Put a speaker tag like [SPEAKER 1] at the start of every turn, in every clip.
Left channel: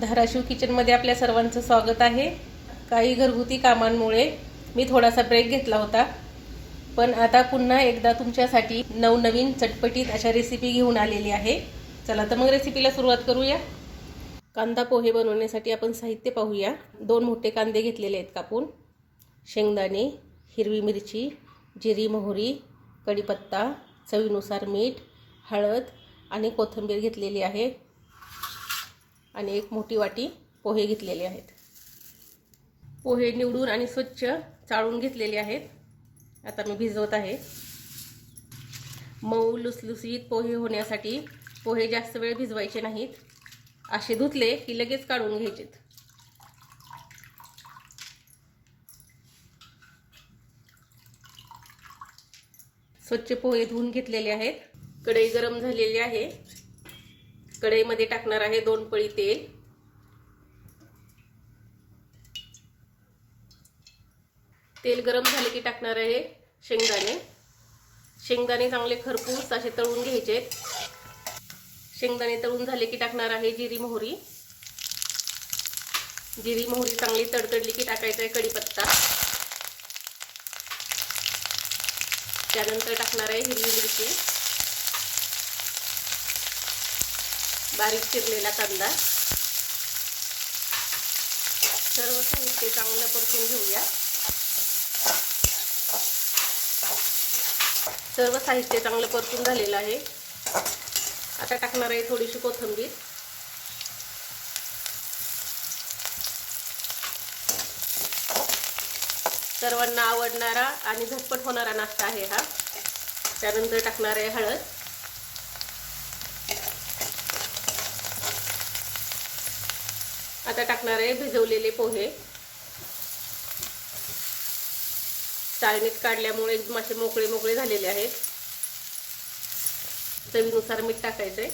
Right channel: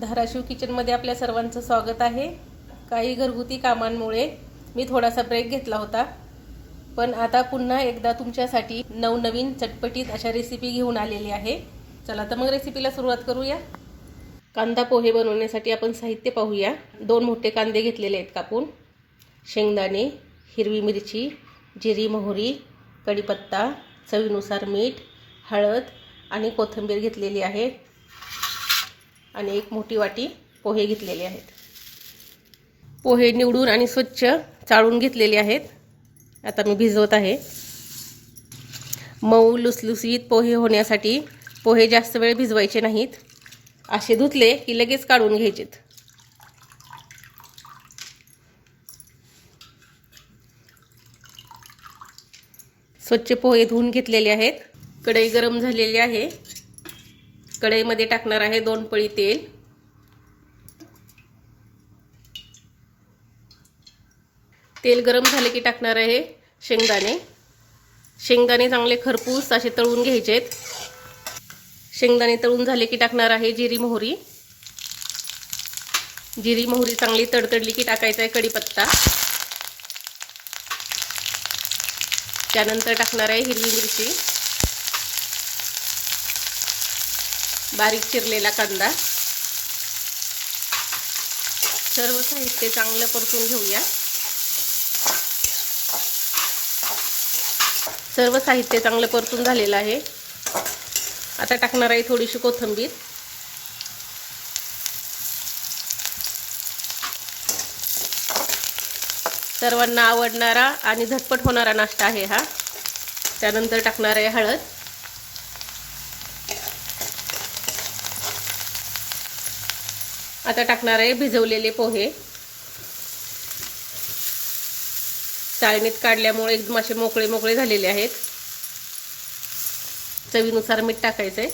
[SPEAKER 1] धाराशिव किचनमध्ये आपल्या सर्वांचं स्वागत आहे. काही घरगुती कामांमुळे मी थोडासा ब्रेक घेतला होता. पण आता पुन्हा एकदा तुमच्यासाठी नवनवीन चटपटीत अशा रेसिपी घेऊन आलेली आहे. चला तर मग रेसिपीला सुरुवात करूया. कांदा पोहे बनवण्यासाठी आपण साहित्य पाहूया. दोन मोठे कांदे घेतलेले आहेत कापून. शेंगदाणे हिरवी मिरची जिरी मोहरी कढीपत्ता चवीनुसार मीठ हळद आणि कोथिंबीर घेतलेली आहे. आणि एक मोठी वाटी पोहे घेतलेले आहेत. पोहे निवडून आणि स्वच्छ चाळून घेतलेले आहेत. आता मी भिजवत आहे. मऊ लुसलुसीत पोहे होण्यासाठी पोहे जास्त वेळ भिजवायचे नाहीत. असे धुतले की लगेच काढून घ्यायचेत. स्वच्छ पोहे धुवून घेतलेले आहेत. कढई गरम झालेली आहे. कढईमध्ये टाकणार आहे दोन पळी तेल. तेल गरम झाले की टाकणार आहे शेंगदाणे. शेंगदाणे चांगले खरपूस असे तळून घ्यायचेत. शेंगदाणे तळून झाले की टाकणार आहे जिरी मोहरी. जिरी मोहरी चांगली तडतडली की टाकायचा आहे कढीपत्ता. त्यानंतर टाकणार आहे हिरवी मिरची. बारीक चिरलेला कांदा. सर्व साहित्य चांगलं परतून घेऊया. सर्व साहित्य चांगलं परतून झालेलं आहे. आता टाकणार आहे थोडीशी कोथंबीर. सर्वांना आवडणारा आणि झटपट होणारा नाश्ता आहे हा. त्यानंतर टाकणार आहे हळद. आता टाकणार आहे भिजवलेले पोहे. चाळणीत काढल्यामुळे एकदम असे मोकळे मोकळे झालेले आहेत. चवीनुसार मीठ टाकायचं आहे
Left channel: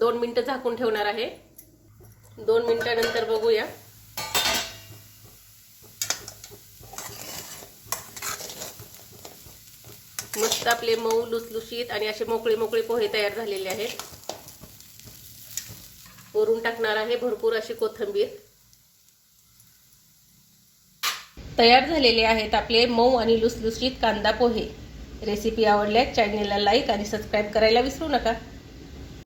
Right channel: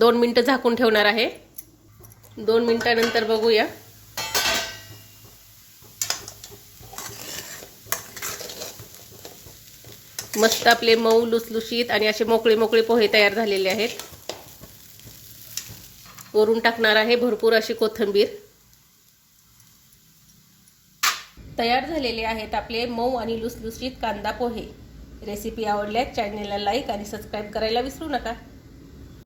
[SPEAKER 1] दोन मिनटं झाकून ठेवणार आहे. दोन मिनटानंतर बघूया. मस्त आपले मऊ लुसलुशीत आणि असे मोकळे मोकळे पोहे तयार झालेले आहेत. वरून टाकणार आहे भरपूर अशी कोथिंबीर. तयार झालेले आहेत आपले मऊ आणि लुसलुशीत कांदा पोहे. रेसिपी आवडल्यास चॅनेलला लाईक आणि सबस्क्राईब करायला विसरू नका.